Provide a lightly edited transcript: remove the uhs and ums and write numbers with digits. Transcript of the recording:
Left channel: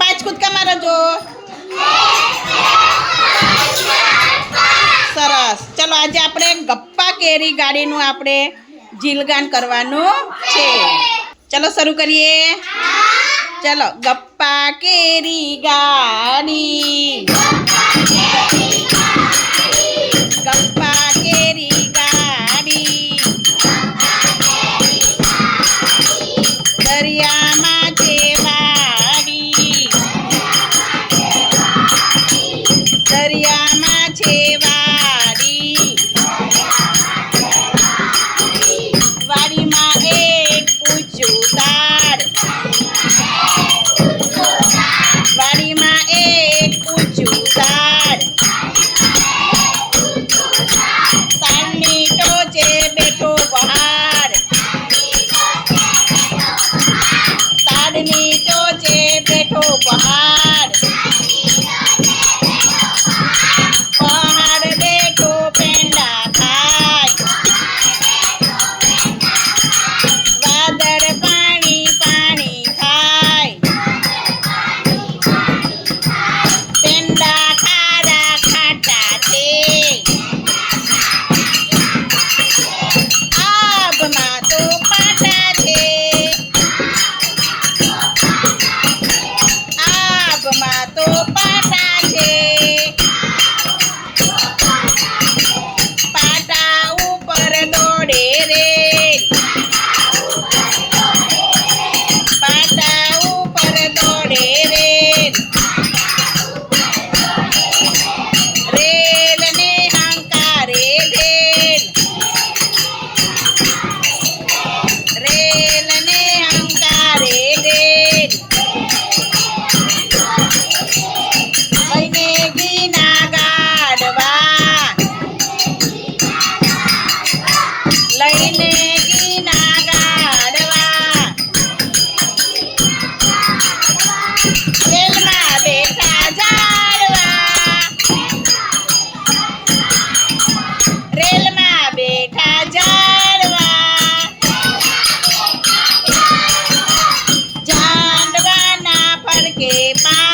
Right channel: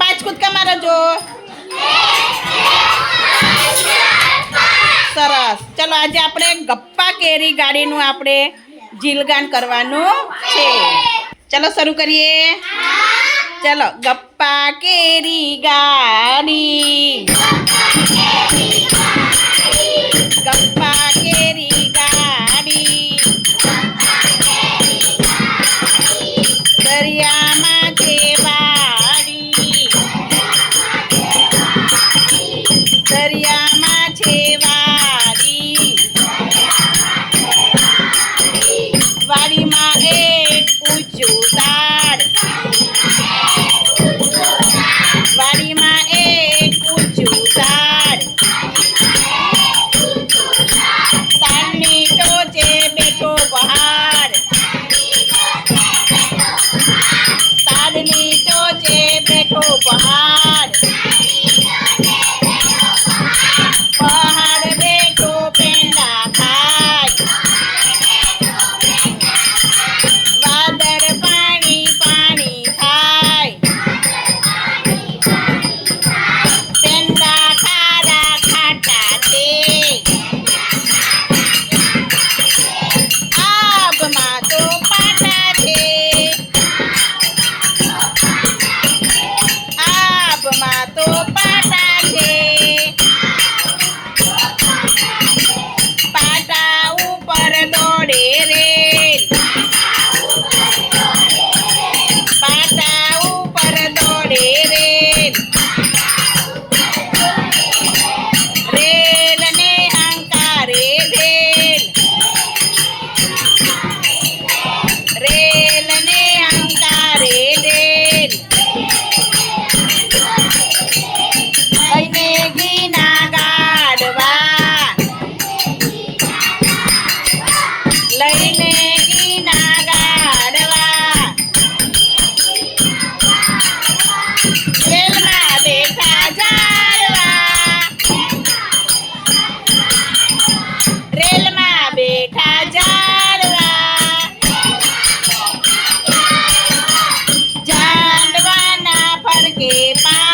પાંચ કૂદકા મારો જો. સરસ. ચલો આજે આપણે ગપ્પા કેરી ગાડીનું આપણે જીલગાન કરવાનું છે. ચલો શરૂ કરીએ. ચલો ગપ્પા કેરી ગાડી, ગપ્પા કેરી ગાડી, દરિયામાં છે વાડી, દરિયામાં છે વાડી, વાડીમાં એક ઊંચું ઝાડ, વાડીમાં એક ઊંચું ઝાડ, ઝાડની ટોચે બેઠો પહાડ, ઝાડની ટોચે બેઠો પહાડ, પહાડ બેઠો પેંડા ખાય, વાદળ પાણી પાણી ખાય, પેંડા ખારા ખાટા છે, આભમાં તો પાટા છે, આભમાં તો પાટા છે, પાટા ઉપર દોડે રેલ, પાટા ઉપર દોડે રેલ, રેલ ને હંકારે ભેલ, રેલ ને હંકારે ભેલ, લઈને ઘીના ગાડવા, લઈને ઘીના ગાડવા, રેલમાં બેઠા ઝાડવા, રેલમાં બેઠા ઝાડવા, ઝાડવાના ફરકે પા